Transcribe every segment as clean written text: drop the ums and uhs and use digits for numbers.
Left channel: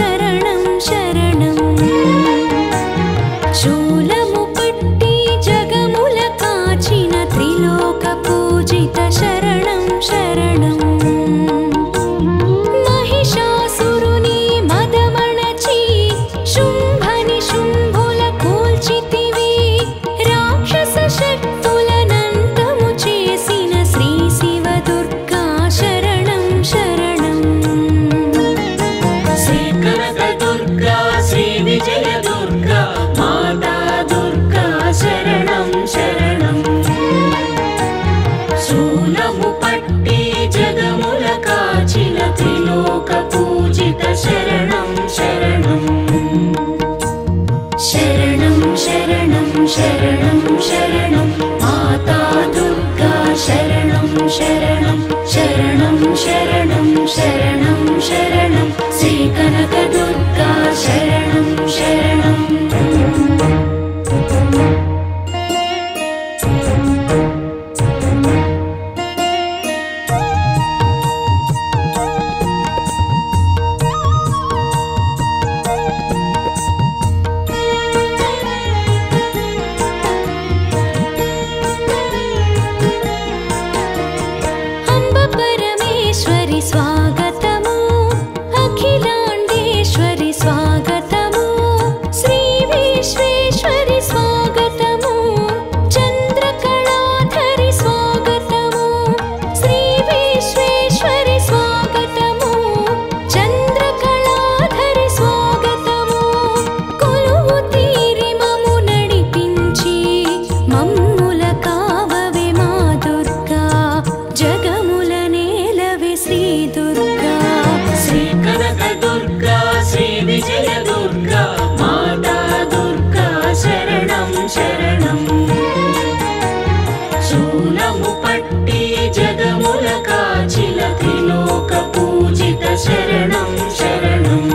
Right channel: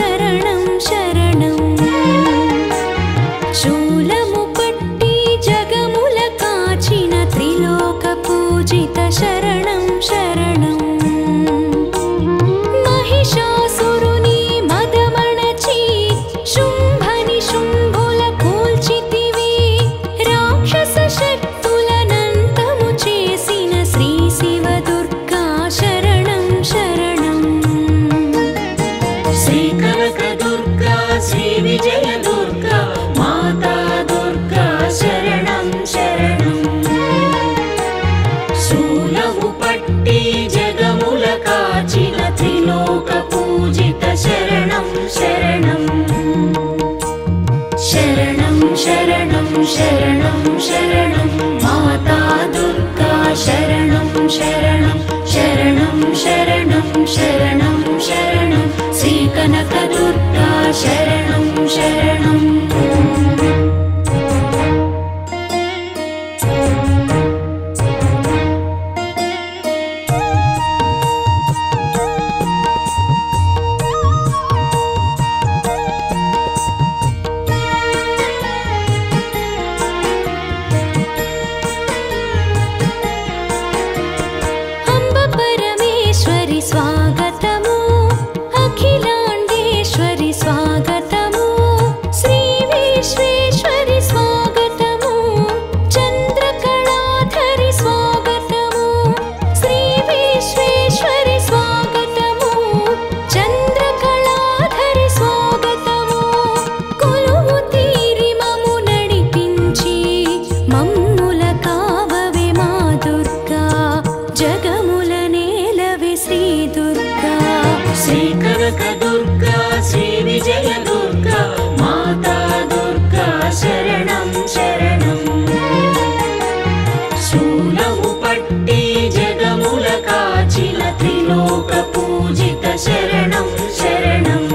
శరణం శరణం శూలము పట్టి జగముల కాచిన త్రిలోక పూజిత శరణం శరణం మహిషాసురుని మదమణచి శుంభని శుంభుల కూల్చితివి రాక్షస శక్తులనంతము చేసిన శ్రీ శివ దుర్గా శరణం శరణం శ్రీ కనక దుర్గా శ్రీ విజయ దుర్గా మాతా దుర్గా శరణం శరణం శూలము పట్టి జగముల కాచిన త్రిలోక పూజిత శరణం శరణం శరణం శరణం శరణం శరణం మాతా దుర్గా శరణం శరణం శరణం శరణం శరణం శరణం శ్రీ కనక దుర్గా శరణం శరణం परमेश्वरि स्वागतमु अखिलांडेश्वरि स्वागतमु श्री विश्वेश्वरि स्वागतमु चंद्रकलाधरि स्वागतमु श्री विश्वेश्वरि स्वागतमु चंद्रकलाधरि स्वागतमु कोलुवु तीरि मम्मु नडिपिंచి मम्मुల కావవే మా దుర్గా జగముల నేలవే శ్రీ దుర్గా శ్రీ కనక దుర్గా శ్రీ విజయ దుర్గా మాతా దుర్గా శరణం శరణం శూలము పట్టి జగముల కాచిన త్రిలోక పూజిత శరణం శరణం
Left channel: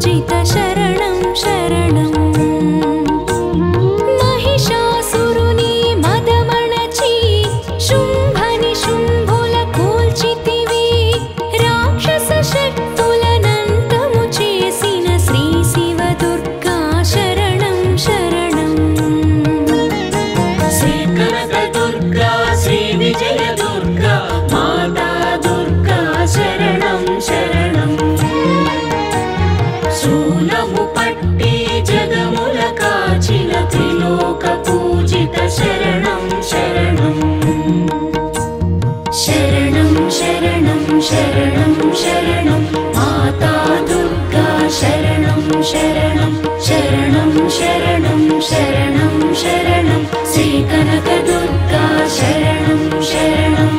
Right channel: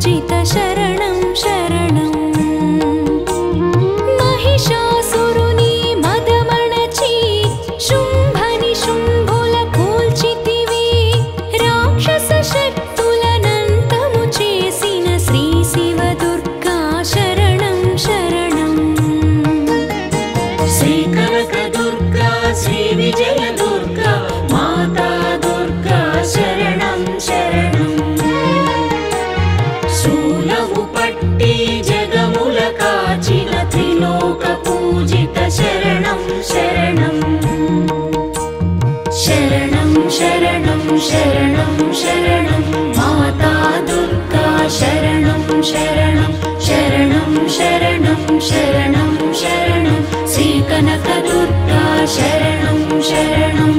పూజిత శరణం శరణం మహిషాసురుని మదమణచి శుంభని శుంభుల కూల్చితివి రాక్షస శక్తులనంతము చేసిన శ్రీ శివ దుర్గా శరణం శరణం శ్రీ కనక దుర్గా శ్రీ విజయ దుర్గా మాతా దుర్గా శరణం శరణం శూలము పట్టి జగముల కాచిన త్రిలోక పూజిత శరణం శరణం శరణం శరణం శరణం శరణం మాతా దుర్గా శరణం శరణం శరణం శరణం శరణం శరణం శ్రీ కనక దుర్గా శరణం శరణం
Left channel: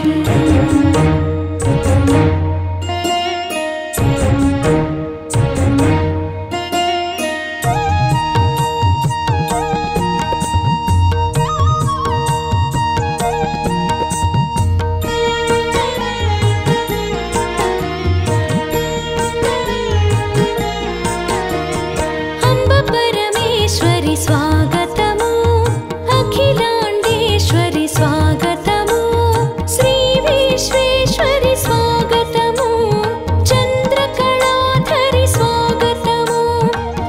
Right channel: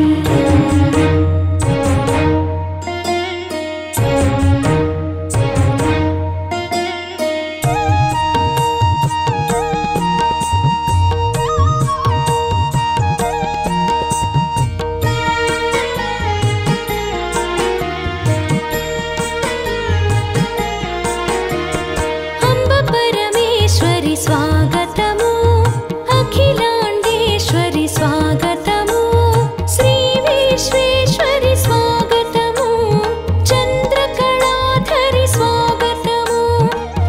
परमेश्वरि स्वागतमु अखिलाण्डेश्वरि स्वागतमु श्री विश्वेश्वरि स्वागतमु चन्द्रकलाधरि स्वागतमु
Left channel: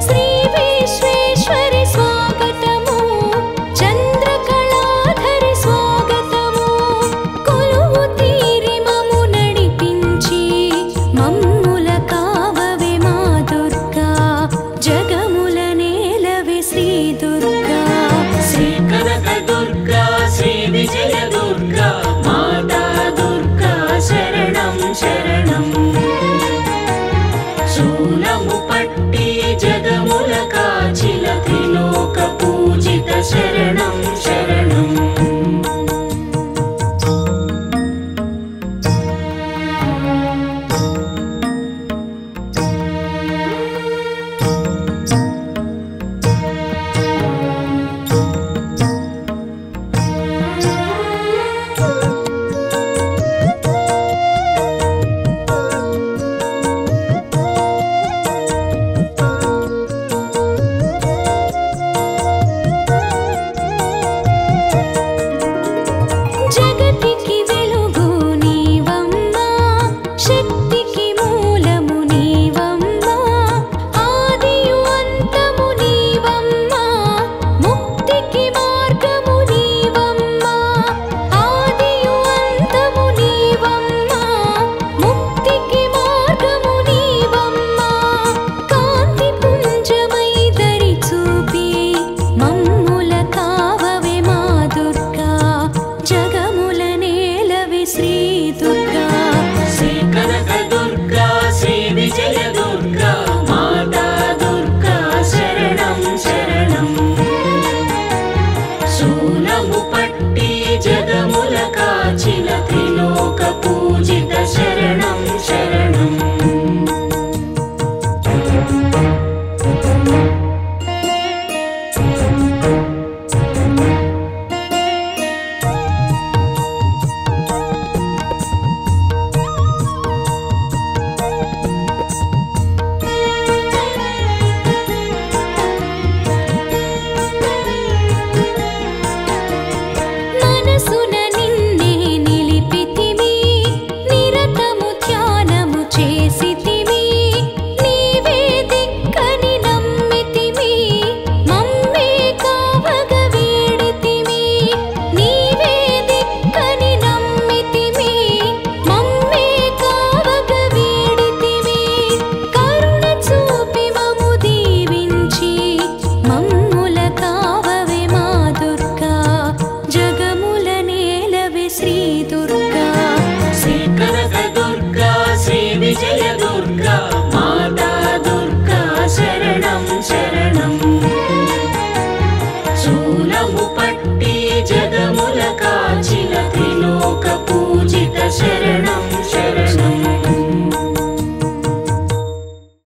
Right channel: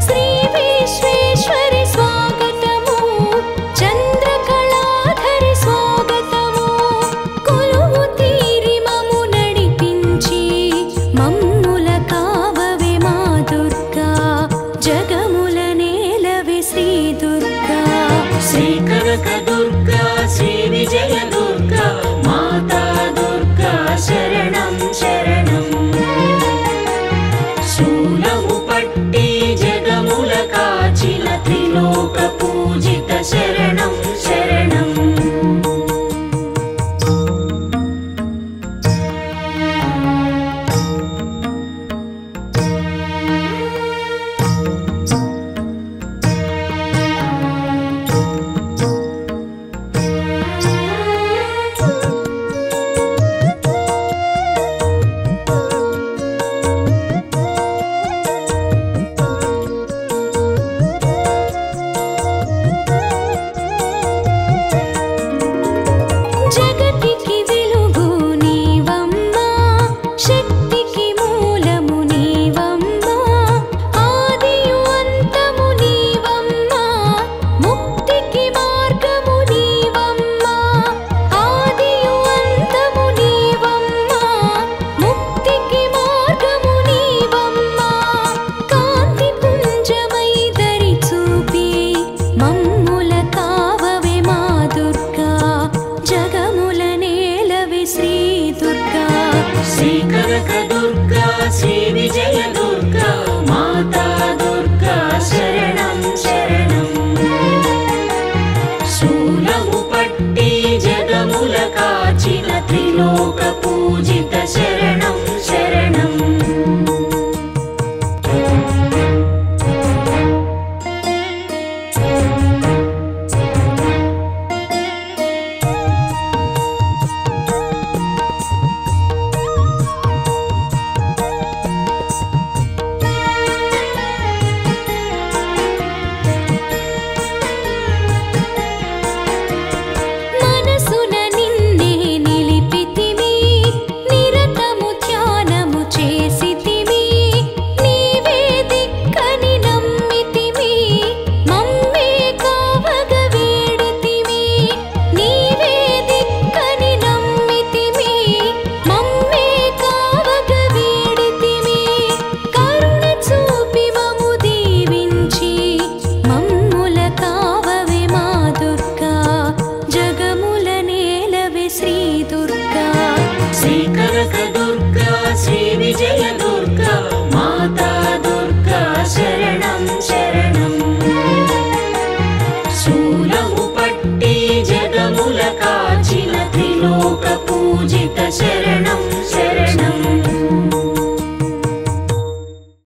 श्री विश्वेश्वरि स्वागतमु चन्द्रकलाधरि स्वागतमु कोलुवु तीरि मम्मु नडिपिंచి मम्मुल काववे मा दुर्गा जगमुल श्री दुर्गा श्री कनक दुर्गा श्री विजय दुर्गा माता दुर्गा शरणं शरणं शूलमु पट्टी जगमुल काचिन त्रिलोक पूजित शरणं शरणं జగతికి వెలుగు నీవమ్మా శక్తికి మూలము నీవమ్మా ఆదియు అంతము నీవమ్మా ముక్తికి మార్గము నీవమ్మా ఆదియు అంతము నీవమ్మా ముక్తికి మార్గము నీవమ్మా కాంతి పుంజమై దరి చూపి మమ్ముల కావవే మా దుర్గా జగముల నేలవే శ్రీ దుర్గా